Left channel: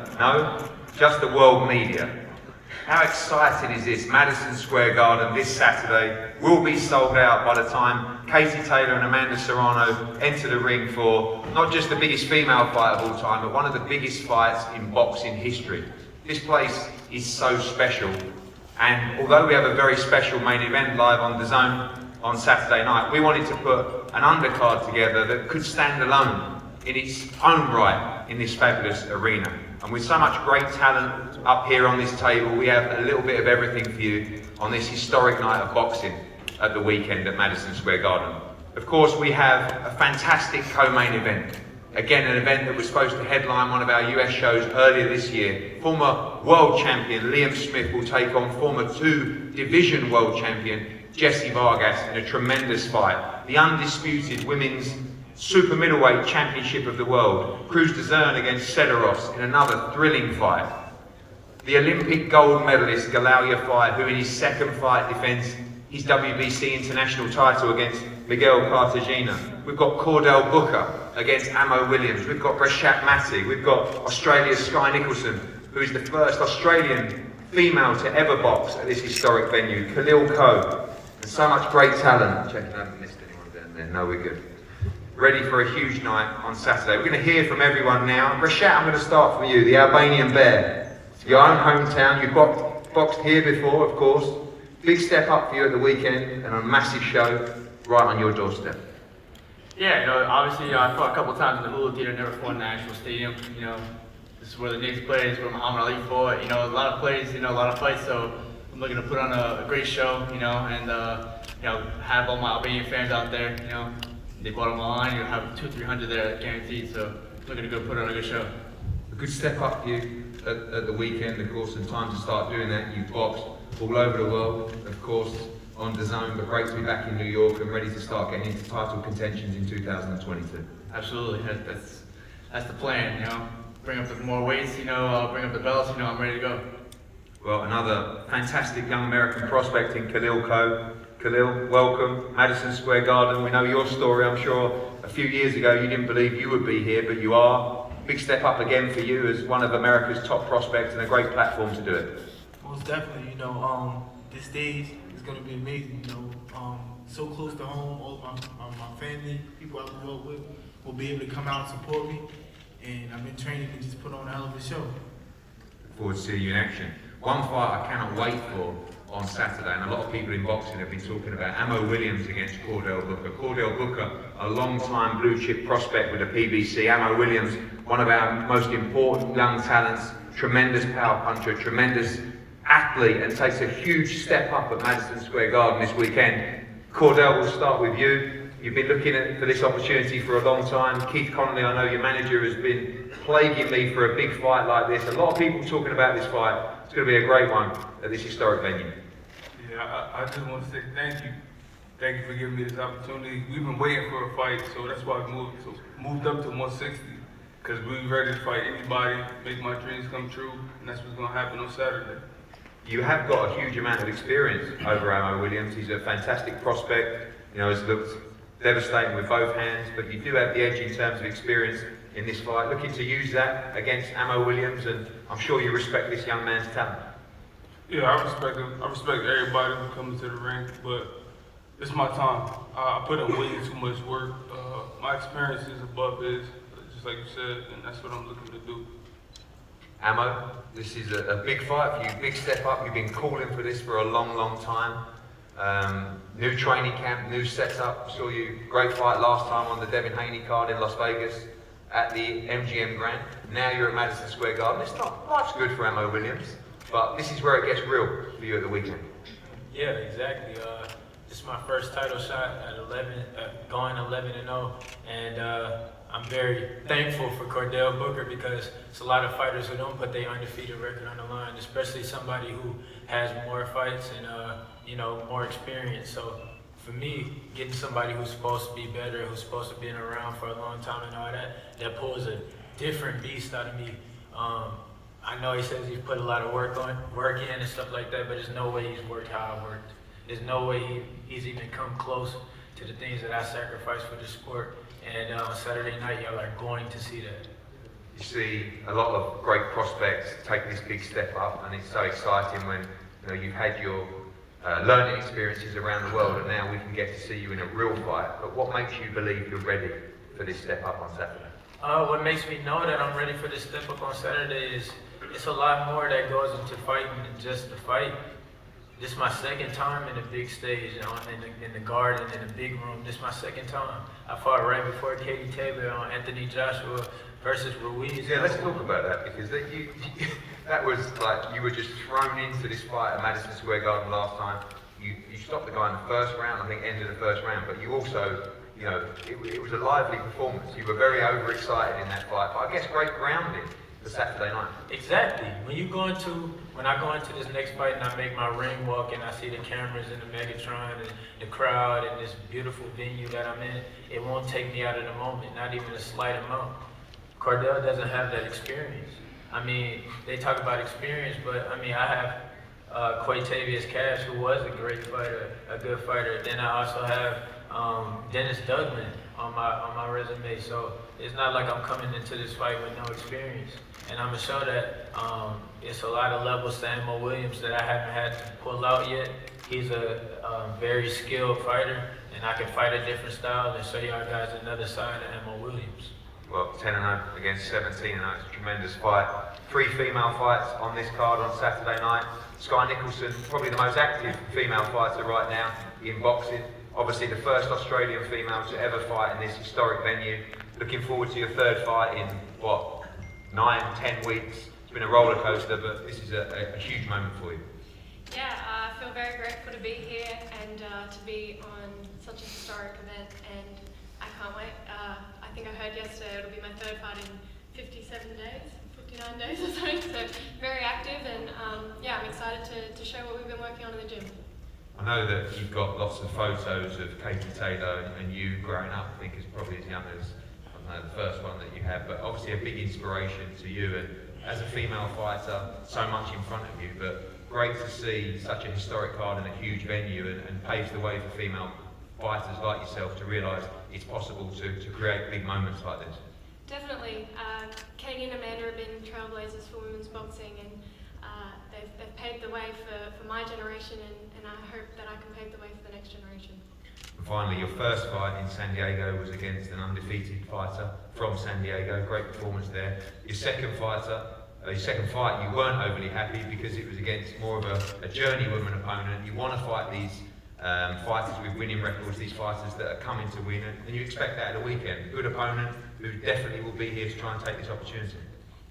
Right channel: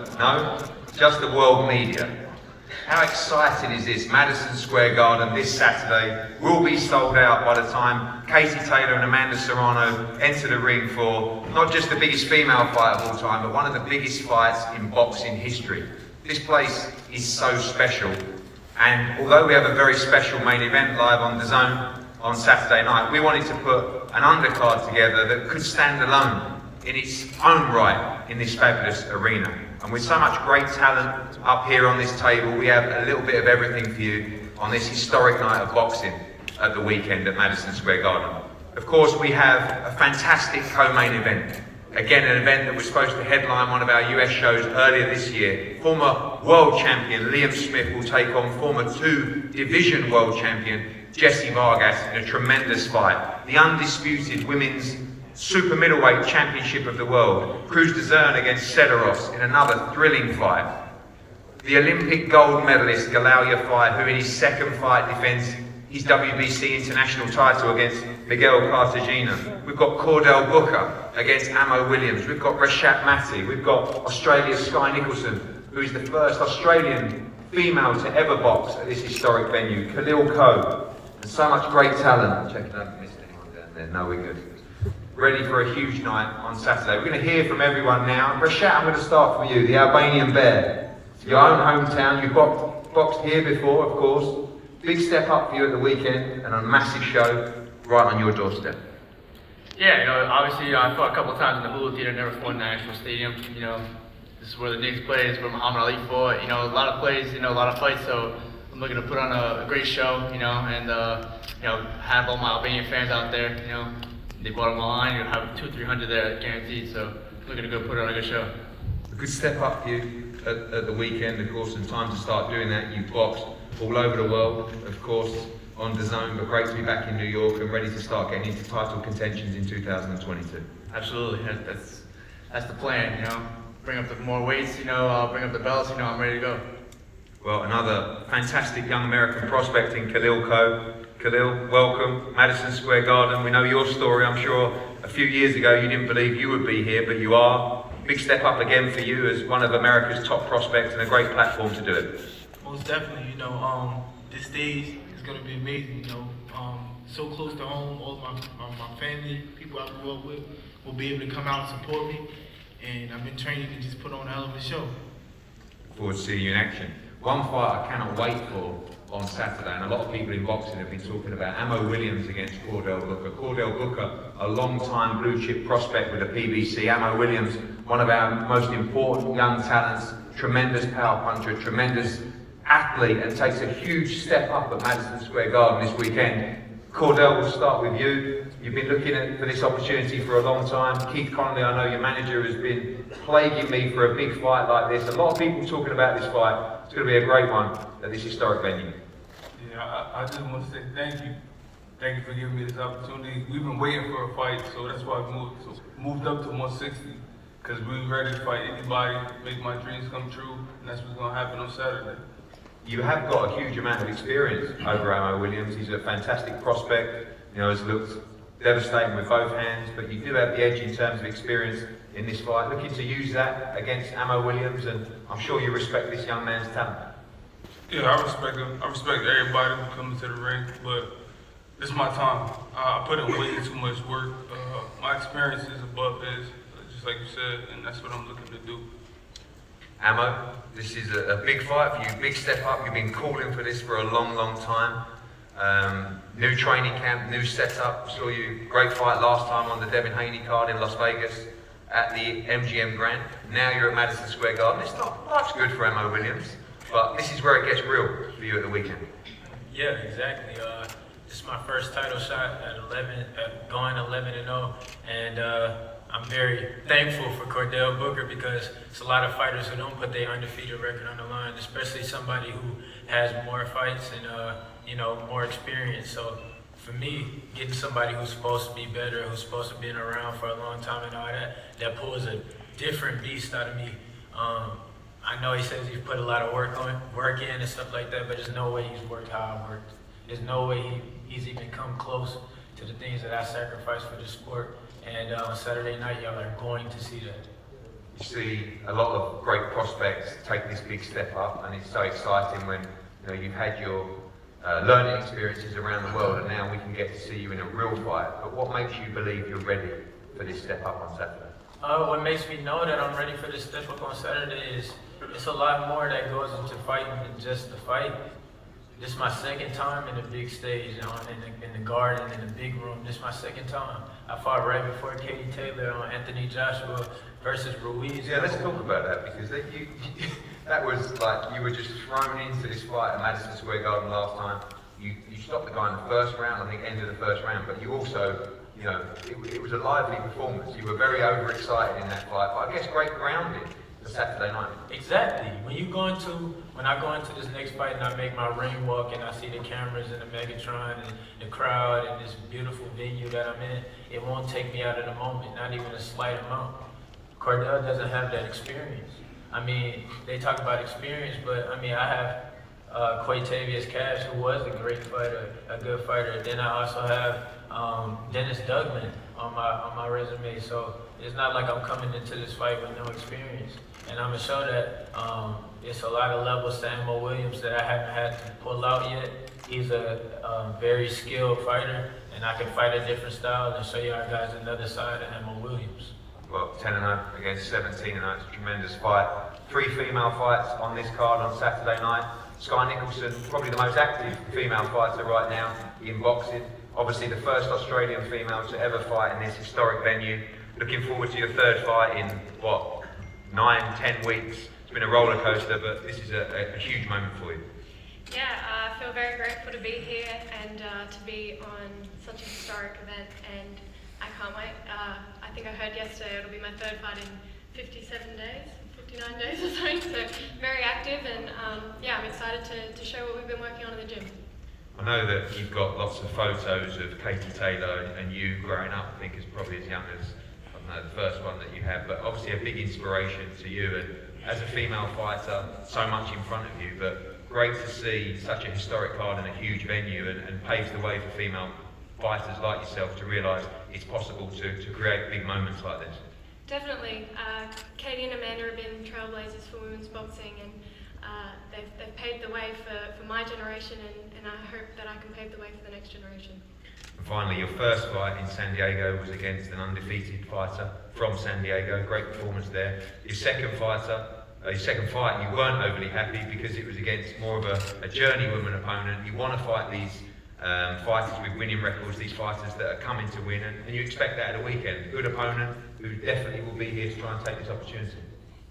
No, just the world media. How exciting is this? Madison Square Garden this Saturday will be sold out by the time Katie Taylor and Amanda Serrano enter the ring for not just the biggest female fight of all time, but one of the biggest fights in boxing history. This place is so special, and although we have a very special main event live on the Zone on Saturday night, we wanted to put an undercard together that could stand alone in its own right in this fabulous arena. And with so much great talent up here on this table, we have a little bit of everything for you on this historic night of boxing at the weekend at Madison Square Garden. Of course, we have a fantastic co-main event. Again, an event that was supposed to headline one of our US shows earlier this year. Former world champion Liam Smith will take on former two-division world champion Jessie Vargas in a tremendous fight. The undisputed women's super middleweight championship of the world, Cruz Dezern against Cederos in another thrilling fight. The Olympic gold medalist Galalia Fight, who in his second fight defends his WBC international title against Miguel Cartagena. We've got Cordell Booker against Amo Williams. We've got Rashad Matty. We've got Australia's Sky Nicholson, who is the first Australian female to ever box at this historic venue. Khalil Coe, and so much great talent. Checking out, I haven't missed anyone down there. No, we're good. Ready for a huge night on Saturday. We're going to hear from everyone now. Rashad, I'm going to start from you, the Albanian Bear. Your own hometown, you've boxed here before, of course. Big step up for you at the weekend and a massive show right on your doorstep. Yeah, obviously I fought a couple times in the movie theater, never fought in the actual stadium. This is where the Knicks play, it's where Muhammad Ali fought. A lot of plays, a lot of fights, so I'm looking to put on a great show, and have all my Albanian fans out there, They bought on my line, you'll have 200-300 there guaranteed, so looking to go put on a good show. A good step up for you at the weekend, of course, and time to start doing that. You've boxed all over the world, of course, on the Zone, but great to be back in New York and ready to start getting into title contentions in 2022. Absolutely, that's the plan, Bring up the more weights, bring up the belts, I'm ready to go. Well, another fantastic young American prospect in Khalil Coe. Khalil, welcome, Madison Square Garden. We know your story, I'm sure a few years ago you didn't believe you would be here, but you are. Big step up again for you as one of America's top prospects and a great platform to do it. Most definitely, this stage is going to be amazing, so close to home, all of my family, people I grew up with will be able to come out and support me, and I've been training to just put on a hell of a show. Look forward to seeing you in action. One fight I cannot wait for on Saturday, and a lot of people in boxing have been talking about Amo Williams against Cordell Booker. Cordell Booker, a long-time blue-chip prospect with the PBC. Amo Williams, one of our most important young talents, tremendous power puncher, tremendous athlete, and takes a huge step up at Madison Square Garden this weekend. Cordell, we'll start with you. You've been looking for this opportunity for a long time. Keith Conley, I know your manager, has been plaguing me for a big fight like this. A lot of people talking about this fight. It's going to be a great one at this historic venue. Yeah, I just want to say thank you. Thank you for giving me this opportunity. We've been waiting for a fight, so that's why I moved up to 160, because we were ready to fight anybody, make my dreams come true, and that's what's going to happen on Saturday. You have got a huge amount of experience over Amo Williams. He's a fantastic prospect. Has looked devastating with both hands, but you do have the edge in terms of experience in this fight. Looking to use that against Amo Williams, and I'm sure you respect this young man's talent. Yeah, I respect him. I respect everybody who comes to the ring, but it's my time. I put in way too much work. My experience is above his, just like you said, and that's what I'm looking to do. Amo, this is a big fight for you, big step up. You've been calling for this for a long, long time. New training camp, new setup. Saw you great fight last time on the Devin Haney card in Las Vegas at the MGM Grand. Now you're at Madison Square Garden. It's not much good for Amo Williams, but this is where it gets real for you at the weekend. Yeah, exactly. This is my first title shot going 11-0, and I'm very thankful for Cordell Booker, because it's a lot of fighters who don't put their undefeated record on the line, especially somebody who has more fights and more experience. So for me, getting somebody who's supposed to be better, who's supposed to be around for a long time and all that pulls a different beast out of me. I know he says he's put a lot of work in and stuff like that, but there's no way he's worked how I worked. There's no way he's even come close to the things that I sacrificed for the sport. And on Saturday night, y'all are going to see that. You see a lot of great prospects take this big step up, and it's so exciting when you've had your learning experiences around the world, and now we can get to see you in a real fight. But what makes you believe you're ready for this step up on Saturday? What makes me know that I'm ready for this step up on Saturday is it's a lot more that goes into fighting than just the fight. This is my second time in the big stage, in the garden, in the big room. This is my second time. I fought right before Katie Taylor on Anthony Joshua versus Ruiz. Yeah, let's talk about that, because that was like you were just thrown into this fight at Madison Square Garden last time. You stopped the guy in the first round, I think ended the first round, but you also, it was a lively performance. You were very overexcited in that fight, but I guess great grounding for Saturday night. Exactly. When I go into this next fight and I make my ring walk and I see the cameras and the Megatron and the crowd and this beautiful venue that I'm in, it won't take me out of the moment, not even a slight amount. Cordell doesn't have that experience. I mean, they talk about experience, but I mean, I have Quatavius Cash, who was a great fighter, a good fighter. Then I also have Dennis Duggan on my resume. So it's not like I'm coming into this fight with no experience. And I'm gonna show that it's a lot of levels to Ammo Williams that I haven't had to pull out yet. He's a very skilled fighter, and I can fight a different style and show y'all guys another side of Ammo Williams. Well, 10-0 against 17-0, it's a tremendous fight. 3 female fights on this card on Saturday night. Sky Nicholson, probably the most active female fighter right now in boxing. Obviously the first Australian female to ever fight in this historic venue. Looking forward to your third fight in, 9-10 weeks. It's been a roller coaster, but this is a huge moment for you. Yeah, I feel very grateful to be here and to be on such a historic event, and I can't wait. I think I heard yesterday it'll be my third fight in 57 days, 59 days or something, so very active, and yeah, I'm excited to show what we've been working on in the gym. I know that you've got lots of photos of Katie Taylor and you growing up, I think is probably as young as the first one that you had, but obviously a big inspiration to you, and as a female fighter, so much in front of you, but great to see such a historic card in a huge venue and paves the way for female fighters like yourself to realise it's possible to create big moments like this. Definitely. Katie and Amanda have been trailblazers for women's boxing, and they've paved the way for my generation, and I hope that I can pave the way for the next generation. And finally, your first fight in San Diego was against an undefeated fighter from San Diego. Great performance there. Your second fight, you weren't overly happy because it was against more of a journeywoman opponent. You want to fight these fighters with winning records, these fighters that are coming to win, and you expect that at a weekend. Good opponent who definitely will be here to try and take this opportunity.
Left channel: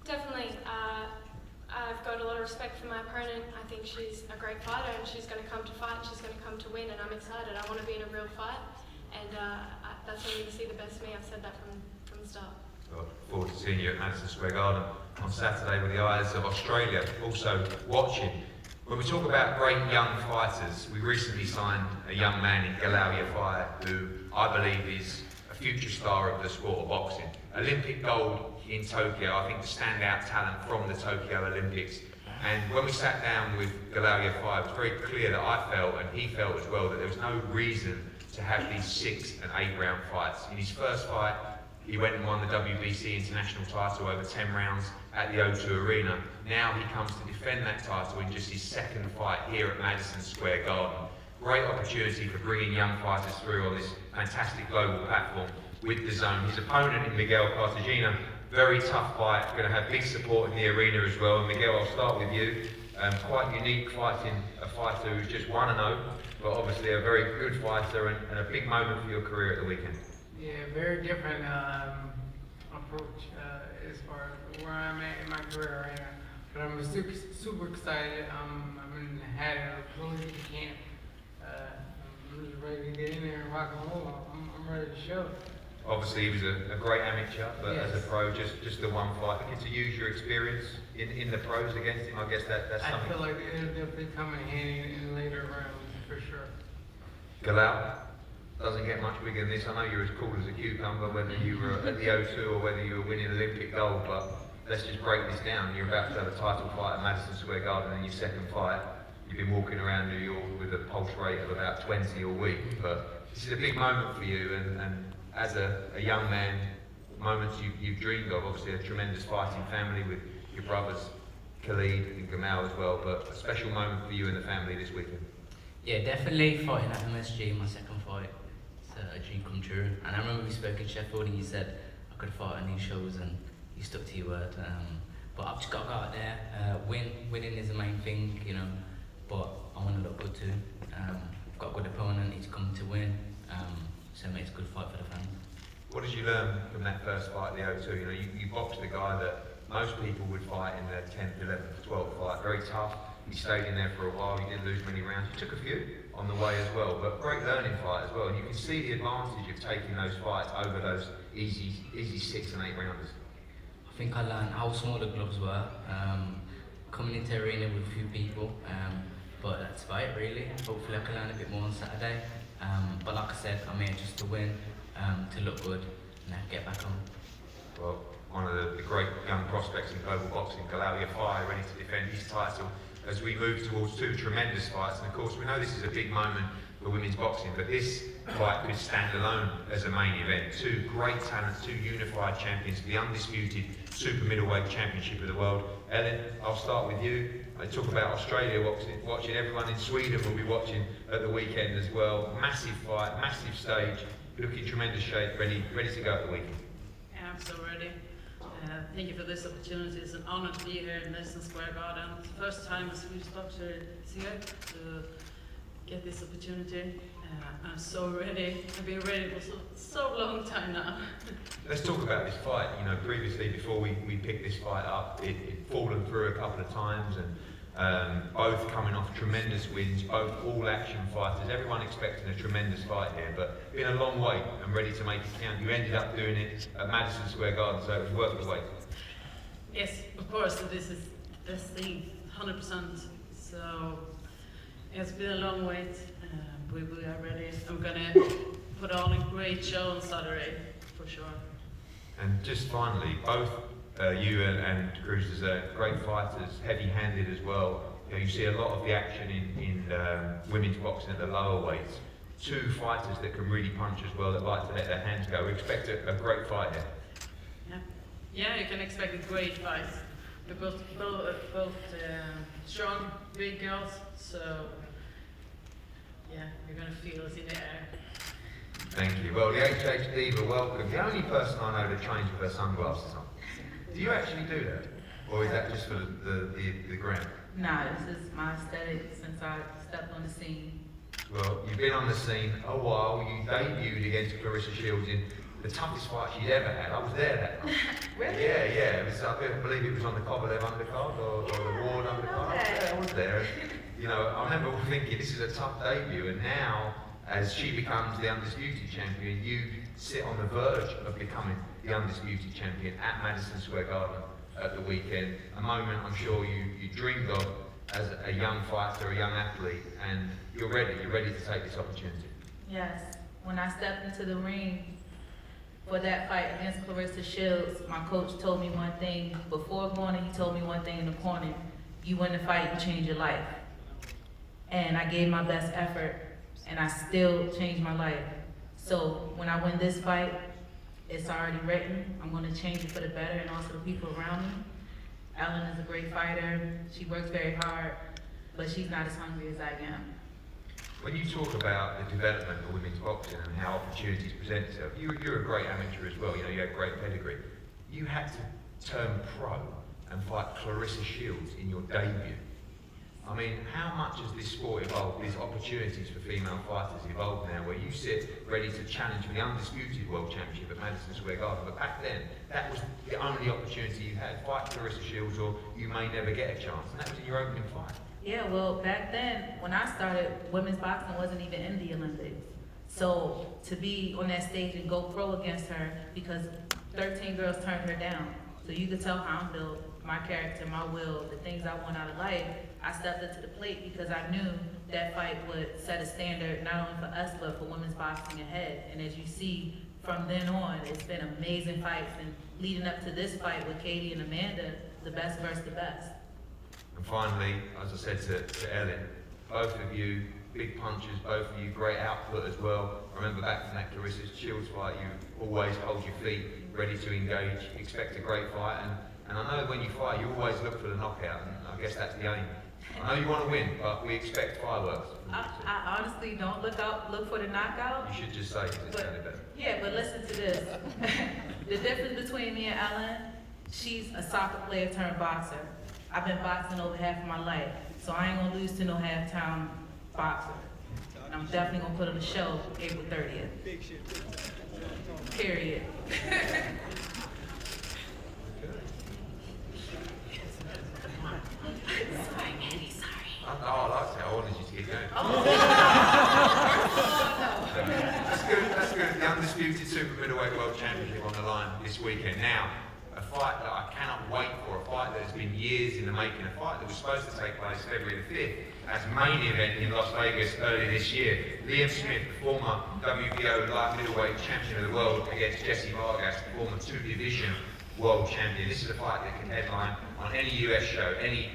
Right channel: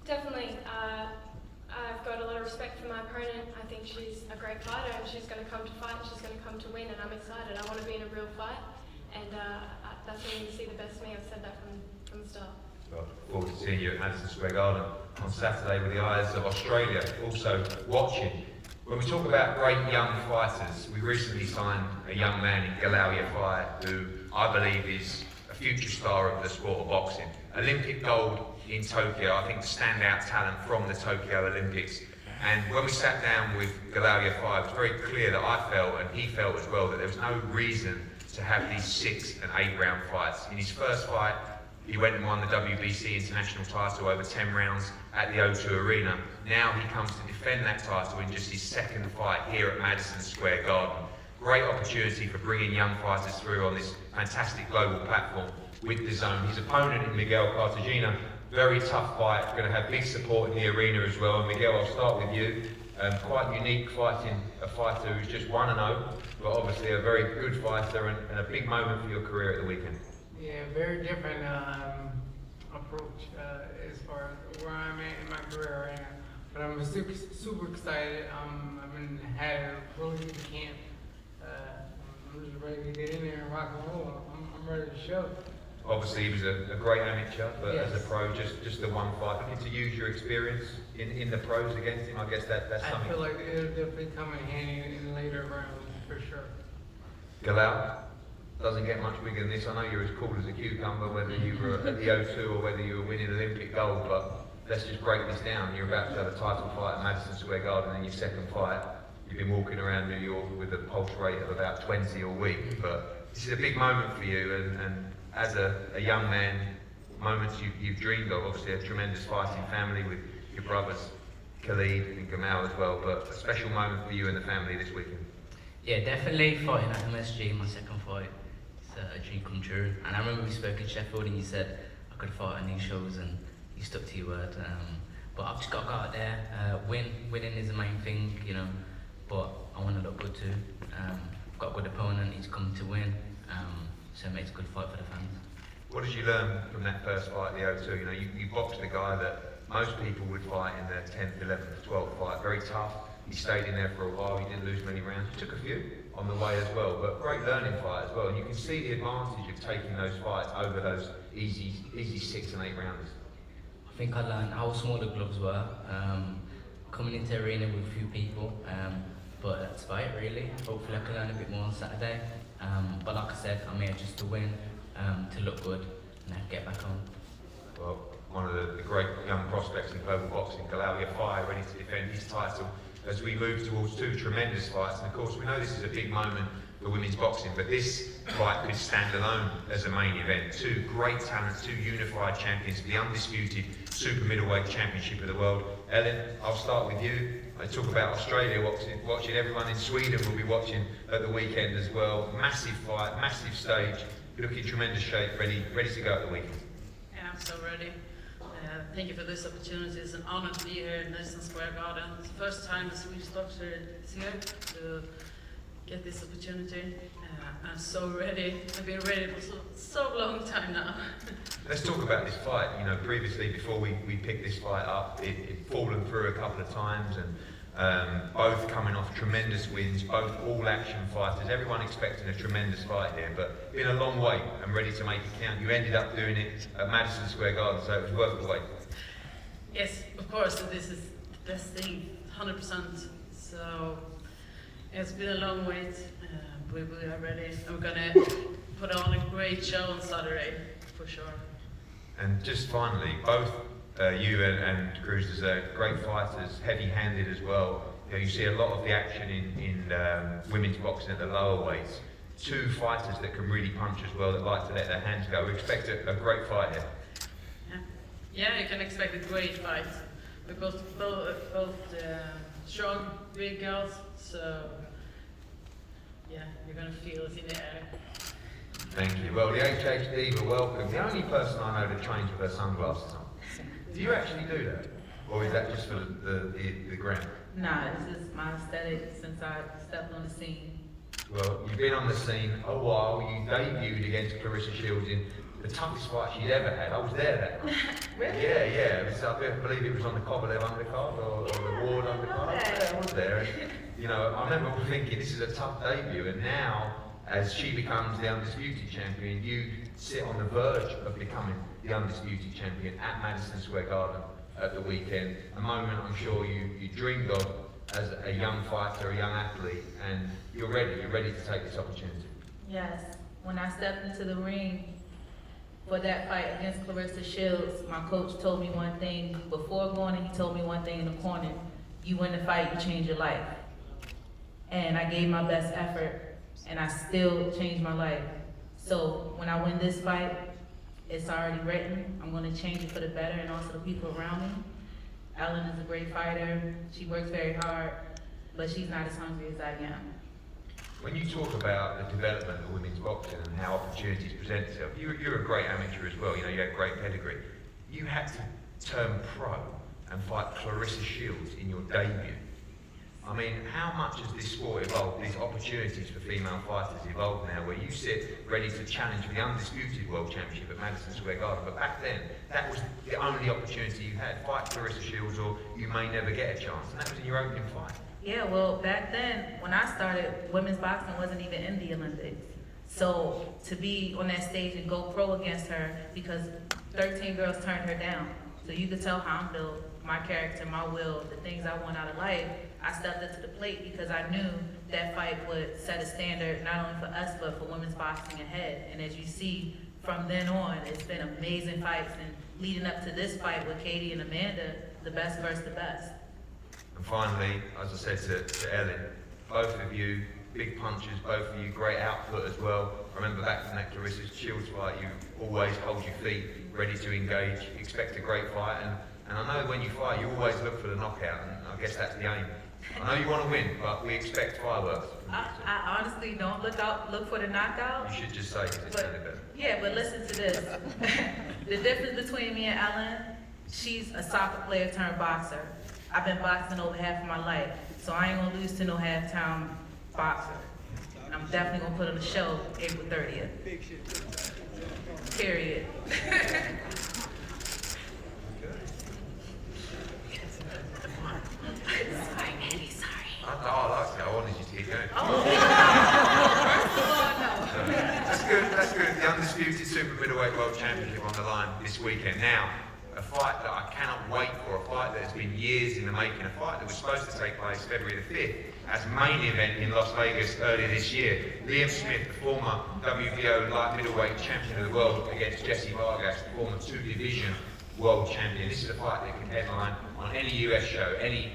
Definitely. I've got a lot of respect for my opponent. I think she's a great fighter, and she's going to come to fight, and she's going to come to win, and I'm excited. I want to be in a real fight, and that's when you see the best me. I've said that from the start. Well, look forward to seeing you at Madison Square Garden on Saturday with the eyes of Australia also watching. When we talk about great young fighters, we recently signed a young man in Galal Yafai, who I believe is a future star of the sport of boxing. Olympic gold in Tokyo, I think the standout talent from the Tokyo Olympics. And when we sat down with Galal Yafai, it was very clear that I felt, and he felt as well, that there was no reason to have these 6 and 8 round fights. In his first fight, he went and won the WBC international title over 10 rounds at the O2 Arena. Now he comes to defend that title in just his second fight here at Madison Square Garden. Great opportunity for bringing young fighters through on this fantastic global platform with DAZN. His opponent in Miguel Cartagena, very tough fight, going to have big support in the arena as well. And Miguel, I'll start with you. Quite unique fighting a fighter who's just 1-0, but obviously a very good fighter and a big moment for your career at the weekend. Yeah, very different approach as far as where I'm at in my career right now. But I'm super excited. I've had a full week of camp. I'm just ready to get in there and rock and roll. I'm ready to show. Obviously, he was a great amateur, but Yes. as a pro, just the one fight. But to use your experience in the pros against him, I guess that's I something. feel like it'll definitely come in handy in the later rounds for sure. Galal doesn't get much bigger than this. I know you're as cool as a cucumber, whether you were at the O2 or whether you were winning Olympic gold, but let's just break this down. You're about to have a title fight at Madison Square Garden in your second fight. You've been walking around New York with a pulse rate of about 20 a week, but this is a big moment for you, and as a young man, moments you've dreamed of? Obviously a tremendous fighting family with your brothers Khalid and Gamal as well, but a special moment for you and the family this weekend. Yeah, definitely fighting at MSG, my second fight. It's a dream come true. And I remember we spoke in Sheffield and you said I could fight on these shows and you stuck to your word. But I've just got to go out there, winning is the main thing, you know, but I want to look good too. I've got a good opponent, he's come to win, so it makes a good fight for the fans. What did you learn from that first fight, the O2? You know, you boxed a guy that most people would fight in the 10th, 11th, 12th fight. Very tough. He stayed in there for a while. He didn't lose many rounds. He took a few on the way as well, but great learning fight as well. And you can see the advantage of taking those fights over those easy 6 and 8 rounders. I think I learned how small the gloves were, coming into the arena with a few people, but that's about it really. Hopefully I can learn a bit more on Saturday. But like I said, I'm here just to win, to look good, and then get back home. Well, one of the great young prospects in global boxing, Galawia Fire, ready to defend his title as we move towards 2 tremendous fights. And of course, we know this is a big moment for women's boxing, but this fight could stand alone as a main event. 2 great talents, 2 unified champions, the undisputed super middleweight championship of the world. Ellen, I'll start with you. I talk about Australia watching. Everyone in Sweden will be watching at the weekend as well. Massive fight, massive stage, looking in tremendous shape, ready to go at the weekend. Yeah, I'm so ready. Thank you for this opportunity. It's an honor to be here in Madison Square Garden. It's the first time the Swedish boxer is here to get this opportunity. I'm so ready. I've been ready for so long time now. Let's talk about this fight. You know, previously, before we picked this fight up, it'd fallen through a couple of times, and both coming off tremendous wins, both all-action fighters. Everyone expecting a tremendous fight here, but been a long way and ready to make it count. You ended up doing it at Madison Square Garden, so it was worth the wait. Yes, of course. This is the best thing, 100%. So it's been a long wait. We are ready. I'm gonna put on a great show on Saturday, for sure. And just finally, both you and Cruz are great fighters, heavy-handed as well. You know, you see a lot of the action in women's boxing at the lower weights. 2 fighters that can really punch as well, that like to let their hands go. We expect a great fight here. Yeah, you can expect a great fight because both strong, big girls. So yeah, you're gonna feel it in the air. Thank you. Well, the HHD, you're welcome. The only person I know that trains with her sunglasses on. Do you actually do that? Or is that just for the ground? Nah, this is my aesthetic since I stepped on the scene. Well, you've been on the scene a while. You debuted against Clarissa Shields in the toughest fight she'd ever had. I was there that night. Really? Yeah. It was, I believe it was on the Kovalev undercard or the Ward undercard. I was there. You know, I remember thinking this is a tough debut, and now, as she becomes the undisputed champion, you sit on the verge of becoming the undisputed champion at Madison Square Garden at the weekend. A moment I'm sure you dreamed of as a young fighter, a young athlete, and you're ready to take this opportunity. Yes, when I stepped into the ring for that fight against Clarissa Shields, my coach told me one thing. Before going, he told me one thing in the corner: you win the fight, you change your life. And I gave my best effort, and I still changed my life. So when I win this fight, it's already written. I'm going to change it for the better, and also the people around me. Ellen is a great fighter. She works very hard, but she's not as hungry as I am. When you talk about the development of women's boxing and how opportunities present themselves, you're a great amateur as well. You know, you had great pedigree. You had to turn pro and fight Clarissa Shields in your debut. I mean, how much has this sport evolved, these opportunities for female fighters evolved now, where you sit ready to challenge the undisputed world championship at Madison Square Garden, but back then, that was the only opportunity you had. Fight Clarissa Shields or you may never get a chance, and that was in your opening fight. Yeah, well, back then, when I started, women's boxing wasn't even in the Olympics. So to be on that stage and go pro against her, because 13 girls turned her down. So you could tell how I'm built, my character, my will, the things I want out of life. I stepped up to the plate because I knew that fight would set a standard not only for us, but for women's boxing ahead. And as you see, from then on, it's been amazing fights. And leading up to this fight with Katie and Amanda, the best versus the best. And finally, as I said to Ellen, both of you, big punches, both of you, great output as well. I remember back from that Clarissa Shields fight, you always hold your feet ready to engage, expect a great fight, and I know when you fight, you always look for the knockout, and I guess that's the aim. I know you want to win, but we expect fireworks. I honestly don't look for the knockout. You should just say it's But, better. yeah, but listen to this. The difference between me and Ellen, she's a soccer player turned boxer. I've been boxing over half of my life, so I ain't gonna lose to no halftime boxer. I'm definitely gonna put on a show April 30th. Period. I like that. I wanted you to get going. That's good. The undisputed super middleweight world championship on the line this weekend. Now, a fight that I cannot wait for, a fight that has been years in the making, a fight that was supposed to take place February the 5th as main event in Las Vegas earlier this year. Liam Smith, the former WBO light middleweight champion of the world, against Jesse Vargas, the former two-division world champion. This is a fight that can headline on any US show, any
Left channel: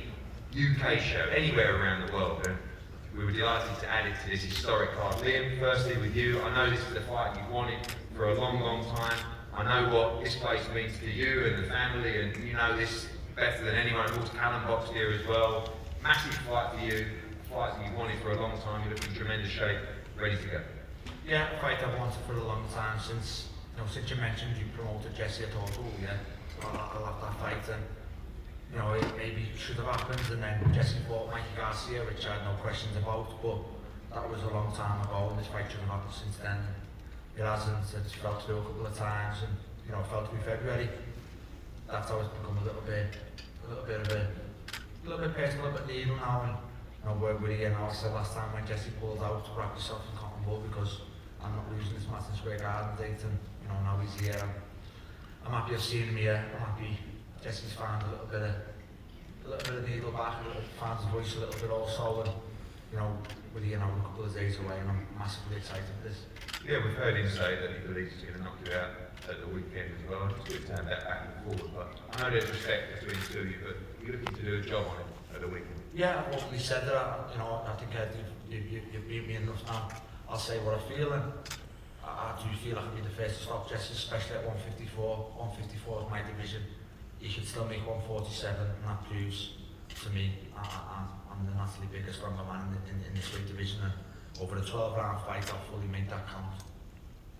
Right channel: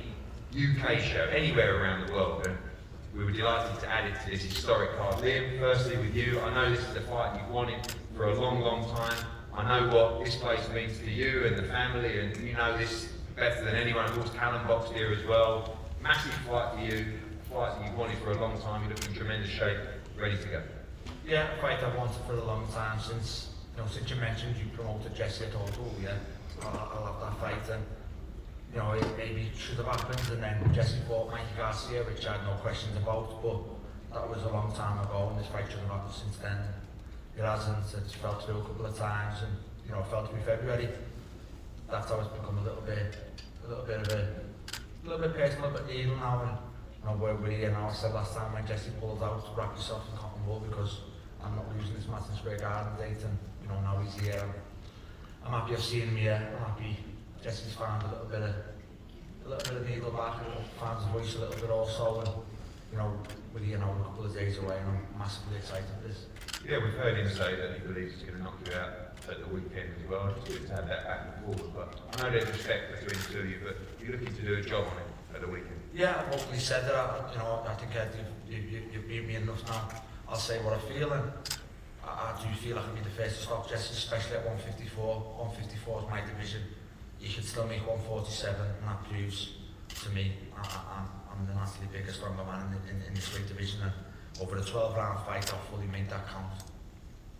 UK show, anywhere around the world. And we were delighted to add it to this historic card. Liam, firstly with you, I know this is a fight you've wanted for a long, long time. I know what this place means to you and the family, and you know this better than anyone. Of course, Alan boxed here as well. Massive fight for you, fight that you've wanted for a long time. You're looking in tremendous shape, ready to go. Yeah, a fight I've wanted for a long time since you mentioned you promoted Jesse at all. Yeah, I love that fight, and it maybe should have happened, and then Jesse fought Mikey Garcia, which I had no questions about, but that was a long time ago, and this fight should have happened since then. It hasn't. It's fell through a couple of times, and I felt to be February. That's always become a little bit personal, a bit leaving now, and we're really getting I said last time when Jesse pulled out to wrap yourself in cotton wool because I'm not losing this Madison Square Garden date, and now he's here. I'm happy I've seen him here. I'm happy Jesse's found a little bit of needle back, found his voice a little bit also, and we're a couple of days away, and I'm massively excited for this. Yeah, we've heard him say that he believes he's going to knock you out at the weekend as well. It's good to have that back and forth, but I know there's respect between the two of you, but you're looking to do a job on it at the weekend. Yeah, I've openly said that. I think you've beat me enough now. I'll say what I feel, and I do feel I can be the first to stop Jesse, especially at 154. 154 is my division. You should still make 147, and that proves to me I'm the massively bigger, stronger man in this weight division. Over a 12-round fight, I'll fully make that count.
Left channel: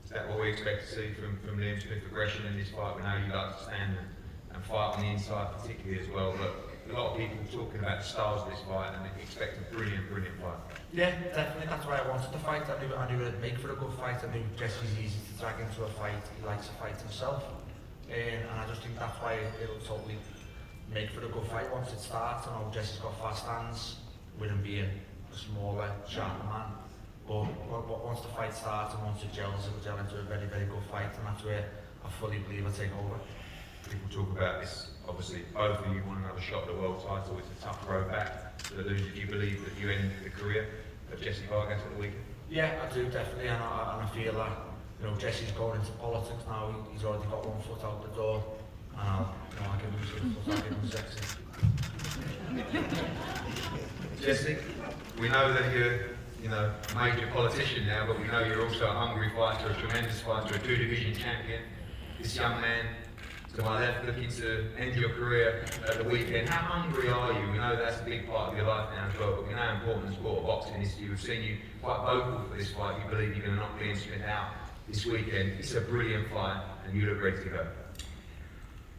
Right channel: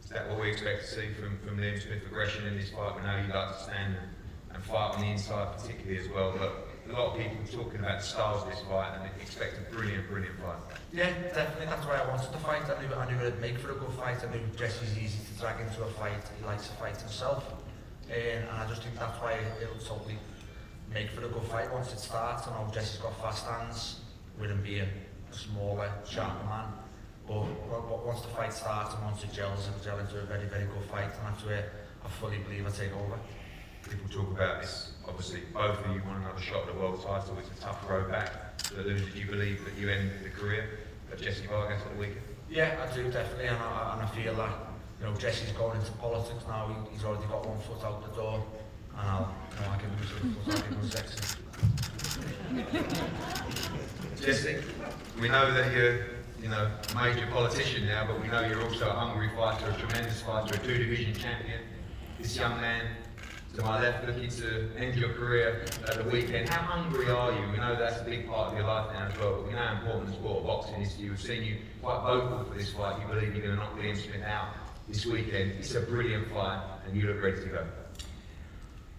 Is that what we expect to see from Liam Smith progression in this fight? We know you like to stand and fight on the inside particularly as well, but a lot of people talking about the stars of this fight and they expect a brilliant fight. Yeah, definitely. That's why I wanted to fight. I knew it'd make for a good fight. I knew Jesse's easy to drag into a fight. He likes to fight himself. And I just think that's why it'll totally make for a good fight once it starts. I know Jesse's got fast hands with him being a smaller, sharper man. But once the fight starts and once it gels, it'll gel into a very, very good fight, and that's where I fully believe it'll take over. People talk about this, obviously both of you want another shot at the world title. It's a tough road back to lose. Do you believe that you end the career of Jesse Vargas at the weekend? Yeah, I do definitely, and I feel like Jesse's going into politics now. He's already got one foot out the door. I can lose him for something sexy. Jesse, we know that you're a major politician now, but we know you're also a hungry fighter, a tremendous fighter, a two-division champion. This young man to my left looking to end your career at the weekend. How hungry are you? We know that's a big part of your life now as well, but we know how important the sport of boxing is to you. We've seen you quite vocal for this fight. You believe you're going to knock Liam Smith out this weekend. It's a brilliant fight, and you look ready to go.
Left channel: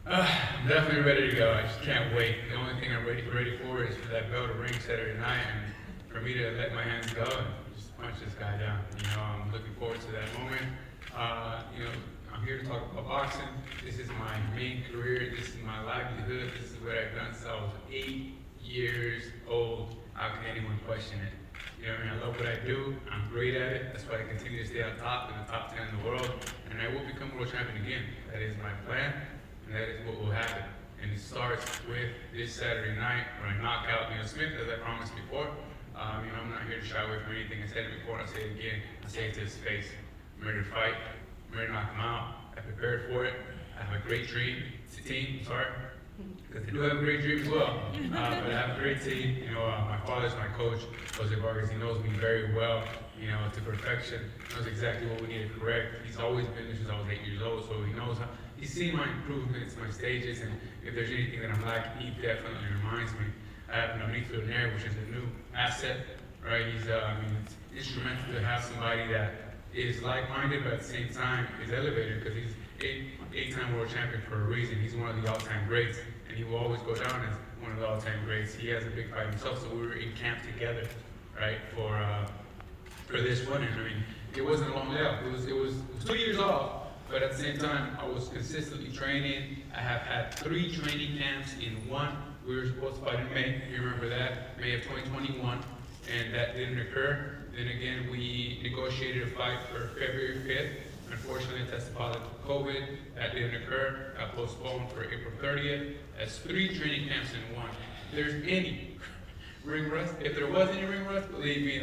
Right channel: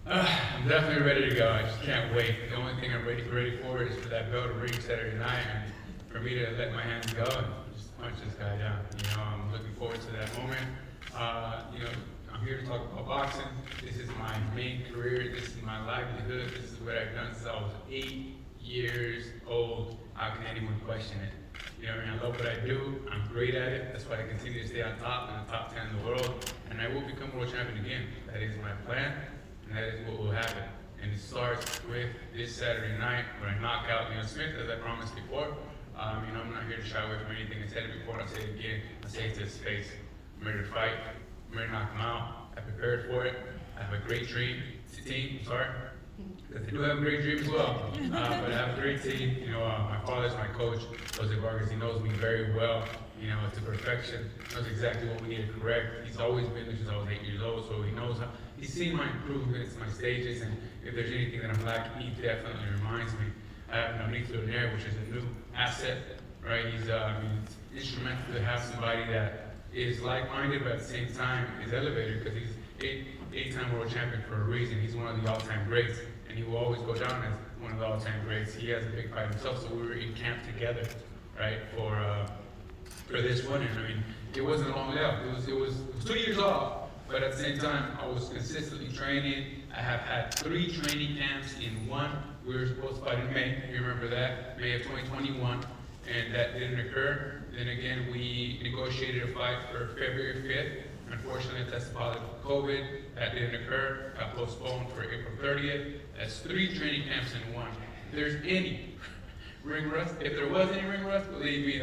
I'm definitely ready to go. I just can't wait. The only thing I'm ready for is for that bell to ring Saturday night, and for me to let my hands go and just punch this guy down. I'm looking forward to that moment. I'm here to talk about boxing. This is my main career. This is my livelihood. This is what I've done since I was 8 years old. How can anyone question it? I love what I do. I'm great at it. That's why I continue to stay on top, in the top 10 in the world. And I will become world champion again. That is my plan, and that is what will happen. And it starts with this Saturday night when I knock out Liam Smith, as I promised before. I'm not here to shy away from anything. I said it before, I'll say it again. I say it to his face. I'm ready to fight. I'm ready to knock him out. I prepared for it. I have a great team. Because they do have a great dream as well. But I have a great team. My father's my coach, Jose Vargas. He knows me very well, to perfection. He knows exactly what we need to correct. He's always been since I was 8 years old, so he he's seen my improvements, my stages, and if there's anything that I'm lacking, he definitely reminds me. I have an Amico there, which is a new asset, right? He's, I mean, it's instrumental to have somebody that is like-minded, but at the same time is elevated, because he's eight-time world champion for a reason. He's one of the all-time greats, and he will always go down as one of the all-time greats. He has a big fight himself, so we were in camp together, right, for this winning. I mean, it wasn't long left. It was 2 years off, but at the same time, I was consistently training. I have had 3 training camps in one. We were supposed to fight in May. You remember that, May of 2021, and that didn't occur. Then again, we negotiated a fight for February 5th. Unfortunately, I tested positive for COVID. That didn't occur. I postponed for April 30th. That's 3 training camps in one. If there's any ring rust, if there was any ring rust, believe me,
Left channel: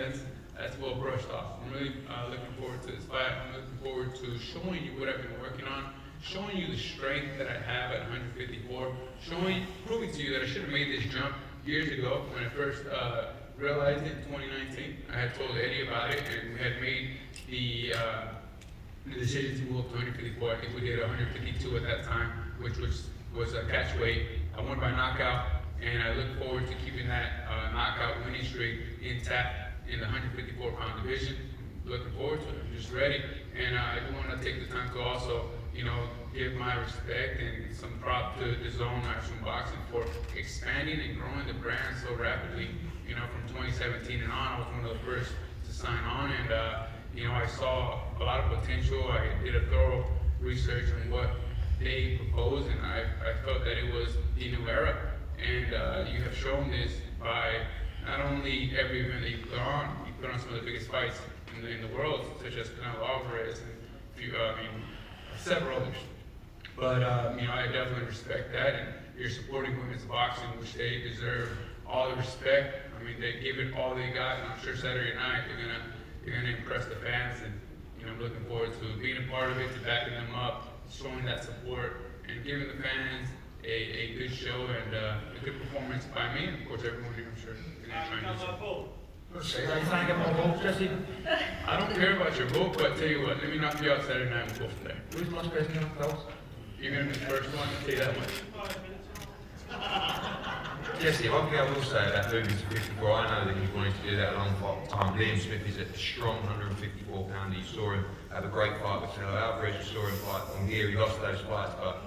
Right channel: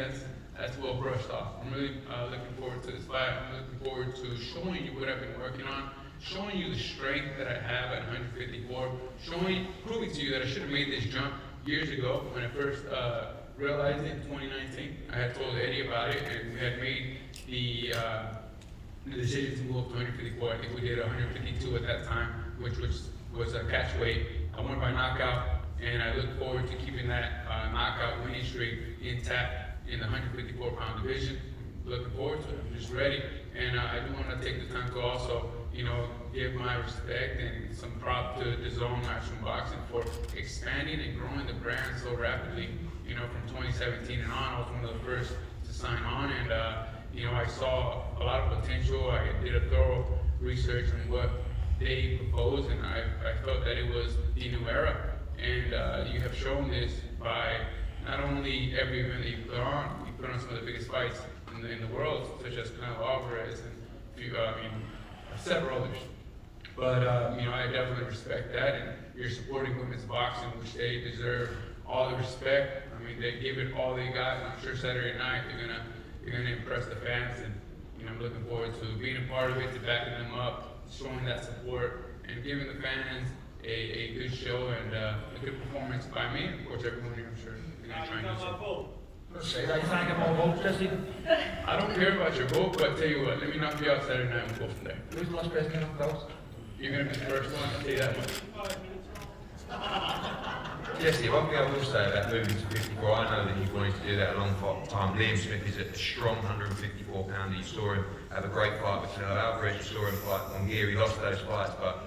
that's well brushed off. I'm really looking forward to this fight. I'm looking forward to showing you what I've been working on, showing you the strength that I have at 154, proving to you that I should have made this jump years ago when I first realized it in 2019. I had told Eddie about it, and we had made the decision to move to 154. I think we did 152 at that time, which was a catch weight. I won by knockout, and I look forward to keeping that knockout winning streak intact in the 154-pound division. Looking forward to it. I'm just ready. And I do want to take the time to also, give my respect and some prop to the Zone National Boxing for expanding and growing the brand so rapidly. From 2017 and on, I was one of the first to sign on, and I saw a lot of potential. I did a thorough research on what they proposed, and I felt that it was the new era. And you have shown this by not only every event that you put on some of the biggest fights in the world, such as Canelo Alvarez and several others. But I definitely respect that, and you're supporting women's boxing, which they deserve all the respect. I mean, they give it all they got. I'm sure Saturday night they're gonna impress the fans, and I'm looking forward to being a part of it, to backing them up, showing that support, and giving the fans a good show and a good performance by me. Of course, everyone here, I'm sure, is gonna try and do so. I don't care about your vote, but tell you what, let me knock you out Saturday night and go from there. Who's most president of You're gonna be the first one to say that. Jesse, one thing I will say about moving to 54, I know that you've wanted to do that a long time. Liam Smith is a strong 154 pounder. You saw him have a great fight with Canelo Alvarez. You saw him fight on gear. He lost those fights, but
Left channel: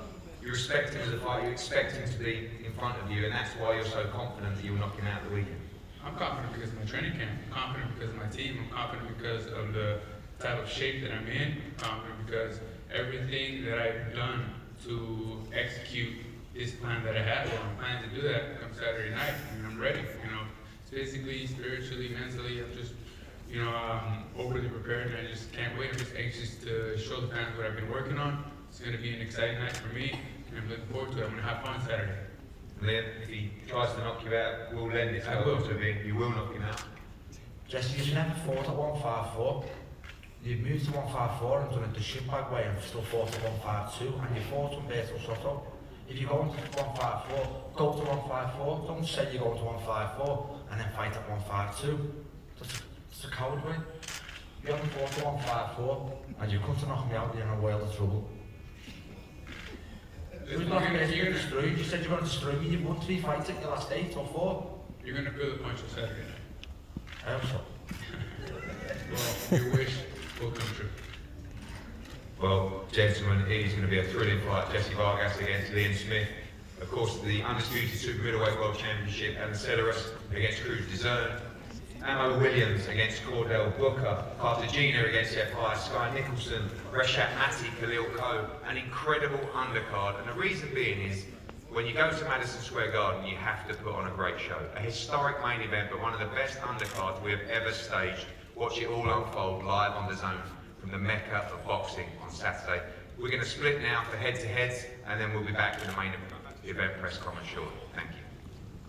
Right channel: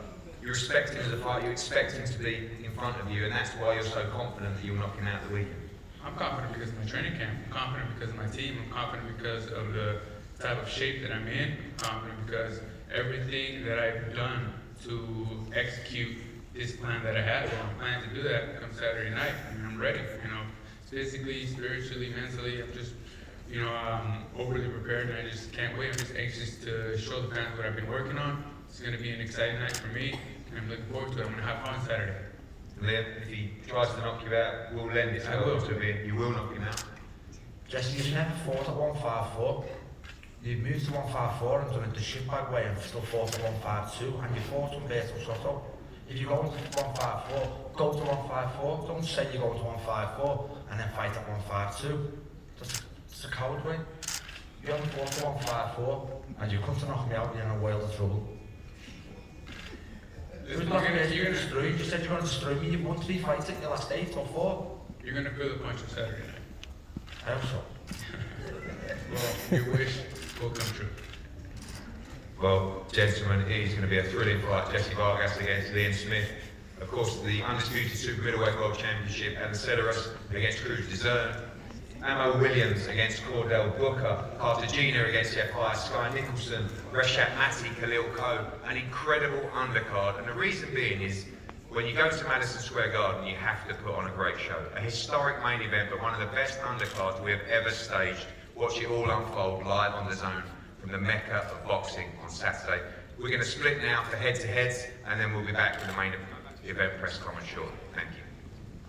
you respect him as a fighter. You expect him to be in front of you, and that's why you're so confident that you'll knock him out the weekend. I'm confident because of my training camp. I'm confident because of my team. I'm confident because of the type of shape that I'm in. I'm confident because everything that I've done to execute this plan that I had, or I'm planning to do that come Saturday night. I'm ready, physically, spiritually, mentally. I'm just, overly prepared, and I just can't wait. I'm just anxious to show the fans what I've been working on. It's going to be an exciting night for me, and I'm looking forward to it. I'm going to have fun Saturday. Then, if he tries to knock you out, we'll lend it to him. You will knock him out. Jesse, you've never fought at 154. You've moved to 154 and done it the shit back way and still fought at 152, and you fought Humberto Soto. If you're going to 154, go to 154. Don't say you're going to 154 and then fight at 152. It's a coward way. You only fought to 154 and you come to knock me out, you're in a world of trouble. You're not going to destroy you. You said you want to destroy me. You've won 3 fights in the last 8 or 4. You're going to feel the punch on Saturday. I hope so. Well, your wish will come true. Well, gentlemen, it is going to be a thrilling fight. Jesse Vargas against Liam Smith. Of course, the undisputed super middleweight world championship, and Celeros against Cruz Dizern. Ammo Williams against Claudel Booker. Cartagena against Jeff Hyatt. Sky Nicholson. Reshat Mati, Khalil Ko. An incredible undercard. And the reason being is, when you go to Madison Square Garden, you have to put on a great show. A historic main event, but one of the best undercards we've ever staged. Watch it all unfold live on the Zone from the Mecca of boxing on Saturday. We're going to split now for head-to-heads, and then we'll be back for the main event press conference shortly. Thank you.